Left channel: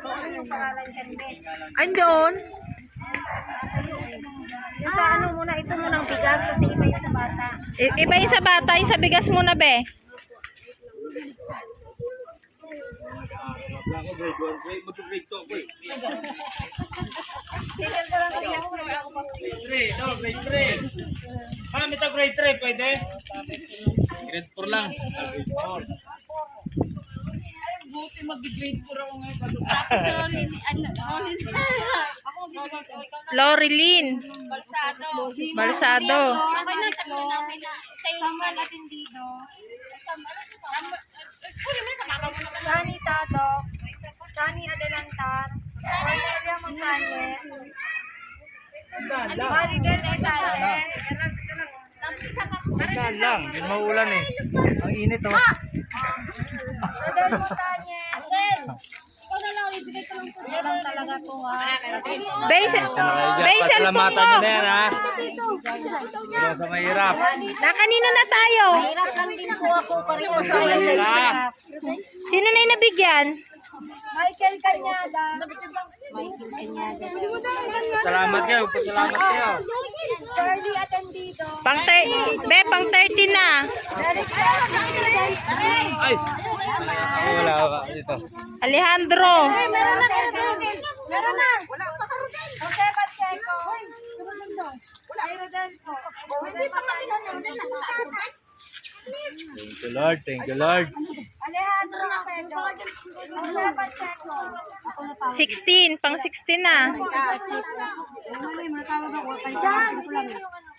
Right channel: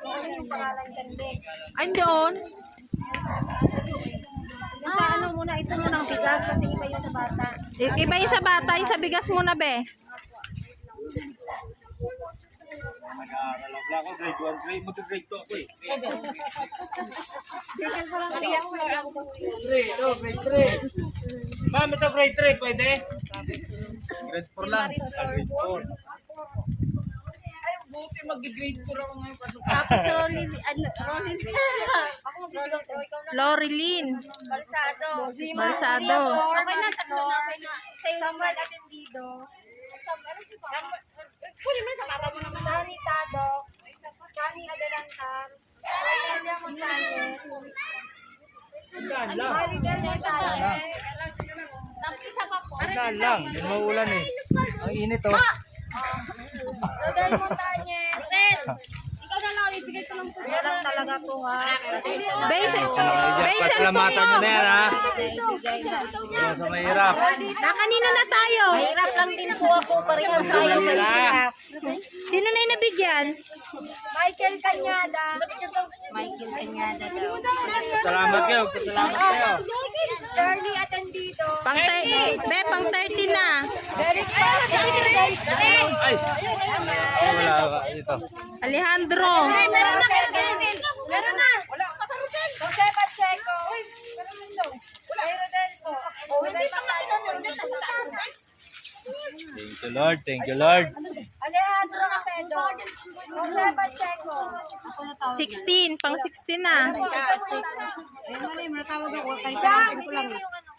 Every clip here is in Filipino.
Ano yung pangalan dyan, be? Andun. Yung sa ano muna, ito muna ang bigas kasi iba yung sa bata. Iba yung sa bata, yung sa bigas muna, be. Nag-aaral lang ako, grade 1, grade 2 ako eh. Tingin ko lang kaya ako Grade 3. Ma'am, ito grade 3, pwede? Grade 4 lang. Grade 4. Buti mag-grade 4 ako ngayon. Tapos Rolly, Rolly. Ako mag-grade ikaw na. Lorilyn. Balsado. Balsado. Okay na, tatlo na, okay na. Samuel Atendido. Sani Tado. Sani Adelantar. Valeria Montañez. Maribel Montañez. Saan lang, hindi mauulan eh. Ang init oh. Rodel Montañez. Ikaw na lang, ibigay ko lang ito. Yan lang talaga po ha. Base, Pasalamatan nyo na yan ha. Wala sa mahirap. na kanino na tayo? Hirap lang din po ako. Pareho tayo sa hirap. Sino na yung nabigyan? Michael Cañada. Michael Cañada daw. Salamat kayo, pasalamat kayo. Charlie Atendido. Pang 30 na. Derek. Ay! Wala. Dito. Alejandro. Meron na. Meron na. Wala pa ka Rodel. Jose Pacheco. Meron na daw. Ay, Rodel po. Hindi pa kami Rodel na sa taas. Thank you Lord, thank you Lord. Alejandro Acedo. Jose Pacheco. 16, pang 16 na. John, bigyan mo yung ano.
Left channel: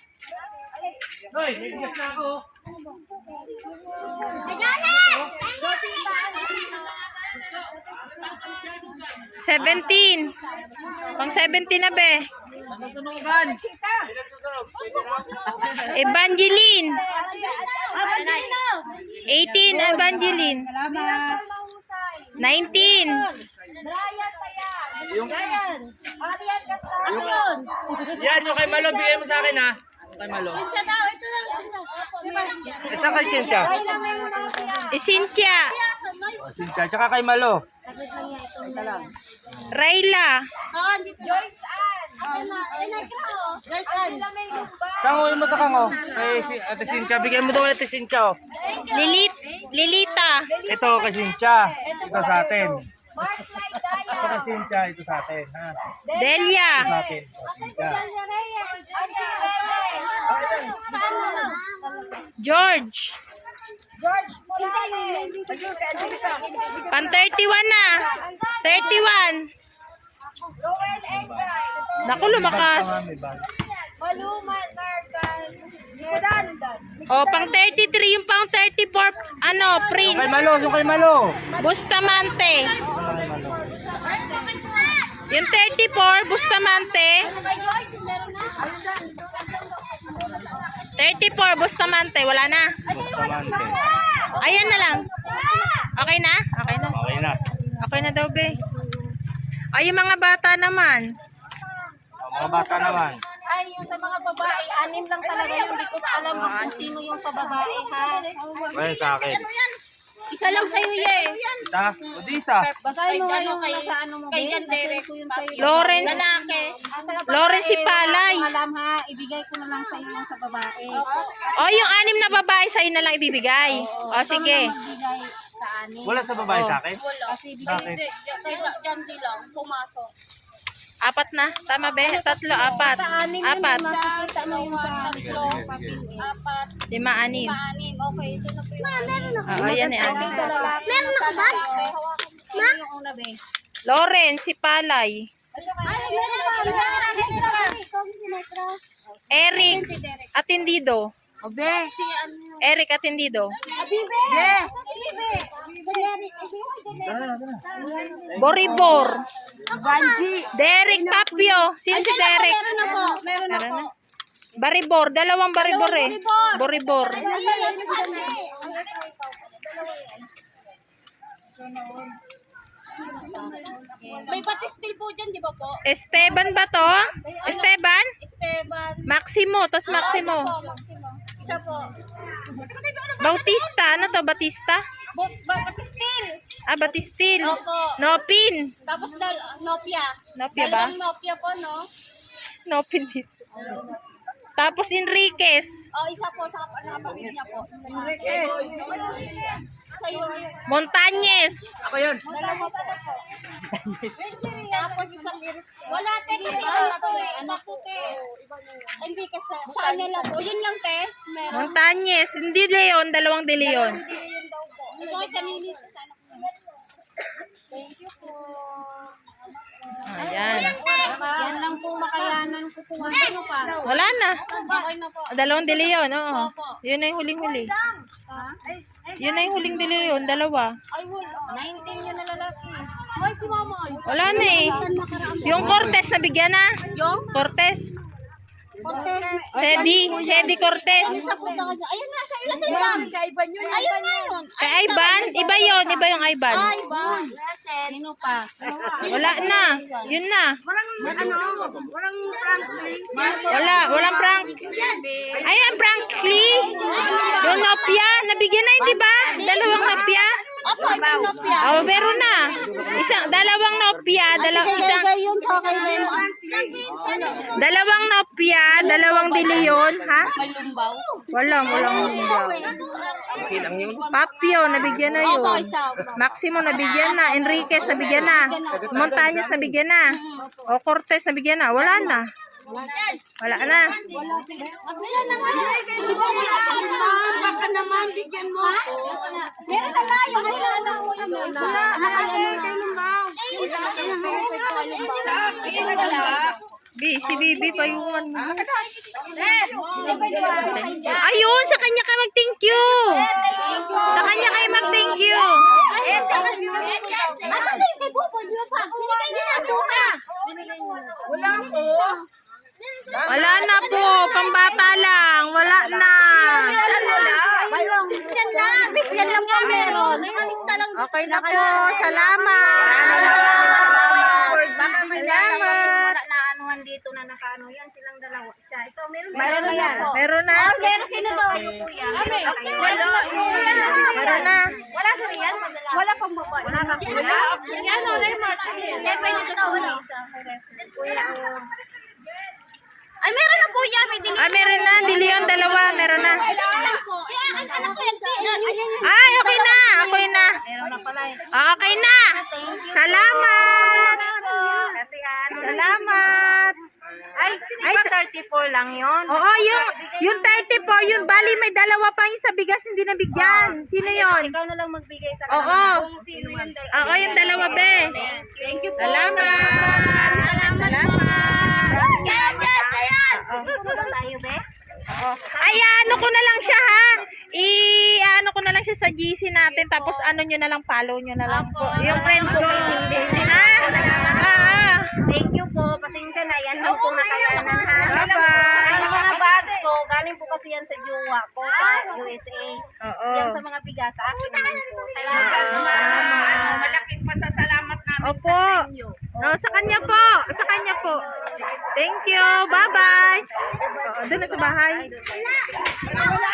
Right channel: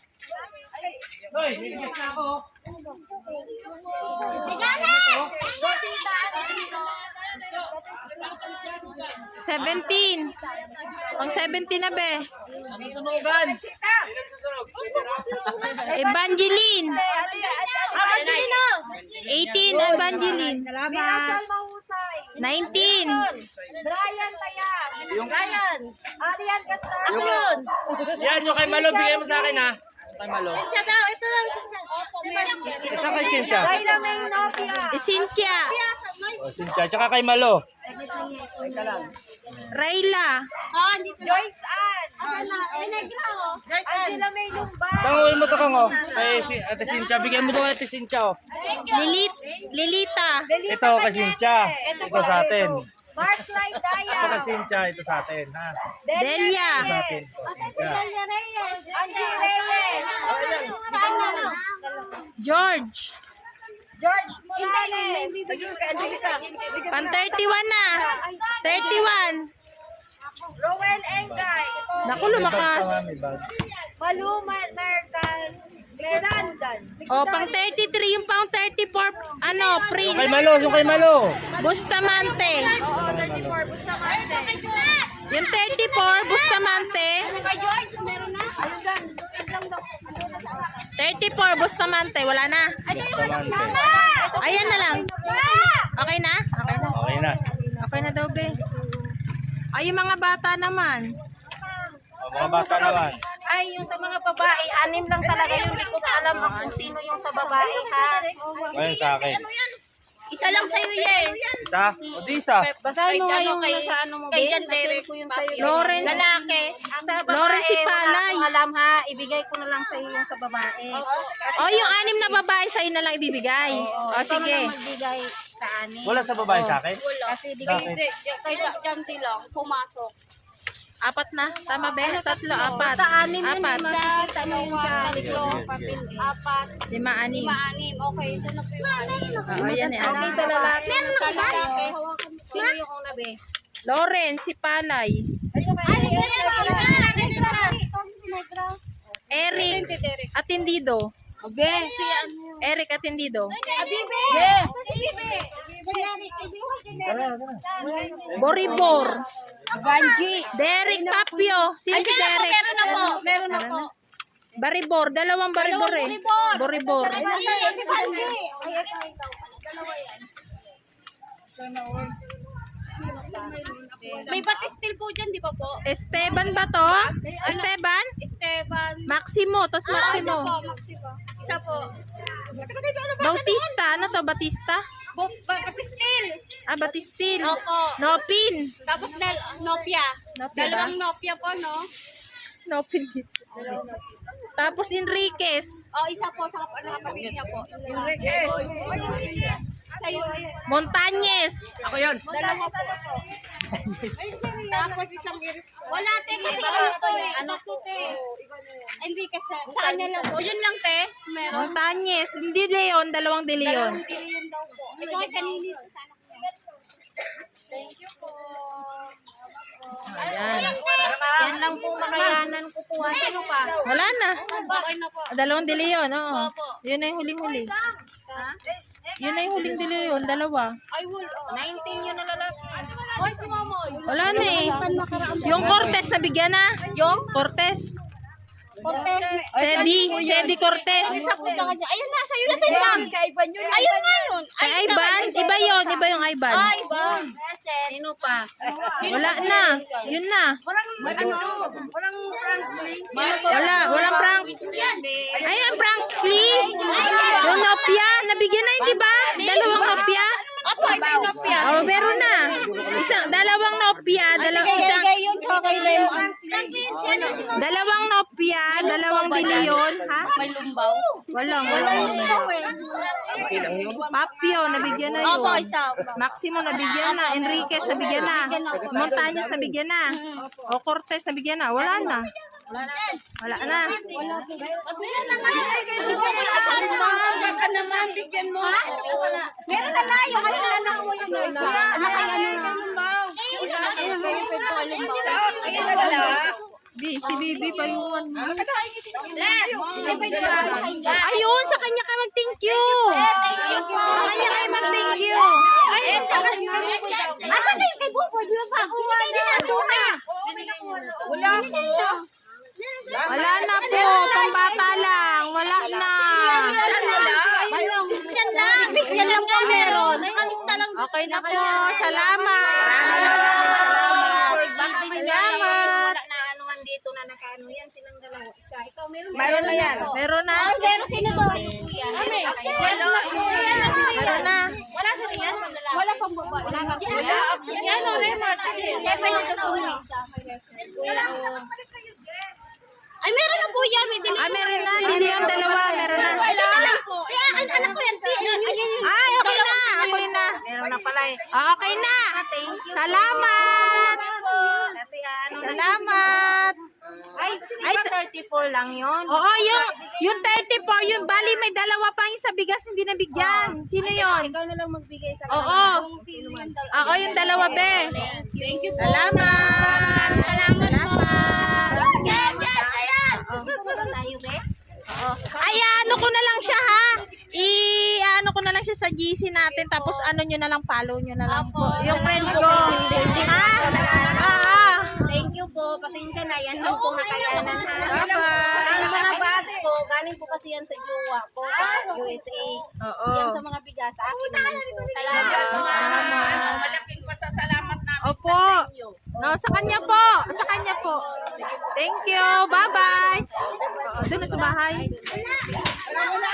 Hoy, may guest na ako. Rosita. 17. Pang 17 na, be. Sunugan. Evangeline. Adelino. 18, Evangeline. Mirasal Mahusay. 19. Brian Tayag. Yung, Arian Castro. yan, yung kay Malo, bigay mo sa akin ha. Kay Malo. Isa kay Cynthia. Raila May Navia. Cynthia. O, Cynthia, tsaka kay Malo. Rayla. Joyce Ann. Angela May Lumbay. Tangoy mo to kang oh. Kay Ate Cynthia, bigay mo daw kay Ate Cynthia oh. Lilita. Ito kay Cynthia. Ito sa atin. Mark Clyde Daya. Ito kay Cynthia, ito sa atin ha. Delia. Sa atin. Cynthia. Angie Reyes. George. George Morales. Pang 31 na. 31. Rowan Engay. Naku, lumakas. Maluma Mercal. Gledan. O, pang 33. Yung pang 34, ano, Kay Prince. Malo, yung kay Malo. Bustamante. Yung 34, Bustamante. Kay George, meron na. 34, Bustamante. Wala na. Ayan na lang. Okay na? Okay na. Okay na. Okay na daw, be. Ay, yung mga bata naman. O, mga bata naman. Ay, yung sa mga babae, 6 lang talaga yung di ko alam kung sino yung sa babae, ha? Ayun sa akin. Isa lang sa'yo, ye. Isa? O di isa. Basahin mo nga yung nasa ano mo, kay Ben. Jan Basahin Derek. ko yung sa'yo. Lawrence. Lalaki. Sa babae, Lawrence si Palay. wala akong alam, ha? Ibigay ko na lang sa'yo yung sa babae. O, yung 6 na babae sa'yo na lang ibibigay. O, sige. Magbigay sa 6. Wala sa babae sa akin? Kasi bigay Bakit? Hindi, kay Jan D lang, pumasok. 4 na. Tama, be? 3, 4. sa 6 4. makikita na yung sa papel, eh. 4, 5, 6. 5, okay, ito na po yung Oo, yan eh. Okay, sa lalaki. Meron ako ba? Sino yung una, be? Lawrence, si Palay. Eric, Atendido. Si ano, Eric Atendido. Boribor. Derek Papio. Sino si Derek? meron na po. Meron na Meron po. na. Baribor. Dalawang baribor eh. Boribor. May batistil po dyan, di ba po? Esteban ba to? Esteban? Esteban. Maximo. Tapos Isa Maximo. po, Maximo. Isa po. Bautista. Ano to? Batista? Batistil. Ah, batistil. Opo. Nopin. Tapos Nopia. Nopia ba? Dalawang Nopia po, no? Nopin dito. Tapos Enriquez. Isa po sa kapatid niya po. Sa'yo, ayun. Montañez. Ako yun. Dalawa po. Tapos isang iris. Wala, te. Kasi ano to eh. Ano to, te? Hindi kasi. Sa kanya lang po. Yun lang, te. Meron. Montañez. Hindi Leon, dalawang de Leon. Hindi yun daw po. Ito ay kanini sa anak niya. Thank you po. Ayan. Yan lang po makayanan ko po. Ano pa? Wala na. Okay na po. Dalawang de Leon, oo. Opo. Yun na yung huling-huli. Yun na yung huling de Leon, dalawa. Ay, wala. 19 yun na lalaki. Ay, si mama. Wala na eh. Yung Cortez, nabigyan na. Yung? Cortez. Cortez. Sedi Cortez. Isa po sa kanya. Ayun na, sa'yo na sa ibang. Ayun nga yun. Kay Ivan, iba yun. Iba yung Ivan. Ay, bang. Sino pa? Wala na. Yun na. Walang prank. Ay, ang Frankly. Yung Nopia, nabigyan na yun, di ba? Dalawang Nopia. Opo, ito yung Nopia. Oh, meron na. Dalawang Nopia, isang Kaya yun, sa kay Leo. dalawang Nopia, dalawang de Leon, ha? May lumbaw. Walang. Papio, nabigyan na yun. Opo, isa. Maximo, nabigyan na. Enriquez, nabigyan na. Montañez, nabigyan na. O Cortez, nabigyan na. Wala na. Wala na. Baka naman, bigyan mo. Meron na tayo. Kasi anak mo yun. Anak ay ano na. Si Bibi, payungan mo. Ayun, sa kanya ka mag-thank you. Sa kanya kayo mag-thank you. Asa na yung kay Buboy? Di ba ba? Binigay din natin ka. Wala po. Wala na po, pambata lang. Wala na. Yan lang. Yan lang po meron. Alista lang. Okay na po, salamat. Salamat. Na anuhan dito na nakaano yan silang dalawa. Ikaw meron ba? Meron na. Meron na. Meron sino to? Kuya. Meron na. Wala sa riyan. Wala pang babae. Wala ka kuya. Yan o, Lemar. Kaya pwede ka to na isa. Kuya o. Ay, meron na po yan. May dili. Meron na. De Leon, dalawa. Meron na. Ay, ito lang po. Anak ko yan. Ayun. Ay, okay na. Okay na. Meron na pala eh. Okay na. Salamat. Kasi ano. Salamat. Ay, 34 lang yun. Oo, yung 34, yun bali may dalawa pa yung sa bigas hindi nabigyan. Sino yun? Ikaw na lang magbigay sa Oo. sino yung Ako yung dalawa, be. Thank you po. Salamat. Salamat. Yes, yes, ayan. tayo, be? Ay, ano ko na lang siya, ha? Ano ko na lang siya sa GC natin. Tapos ano nyo na lang, follow nyo na lang po. Yung friend ko. Ha? Thank you po. Pasensya na. Yan lang po nakayanan, ha? Bye-bye. Ang mga bags po, galing po kasi yan sa jowa ko sa USA. Oo. Yan sa mga bigas, sa akin naman po. Salamat. Malaking pasasalamat namin Opo. No, sa kanya po. Sa kanya po. Thank you. Bye-bye. Doon na sa bahay. Wala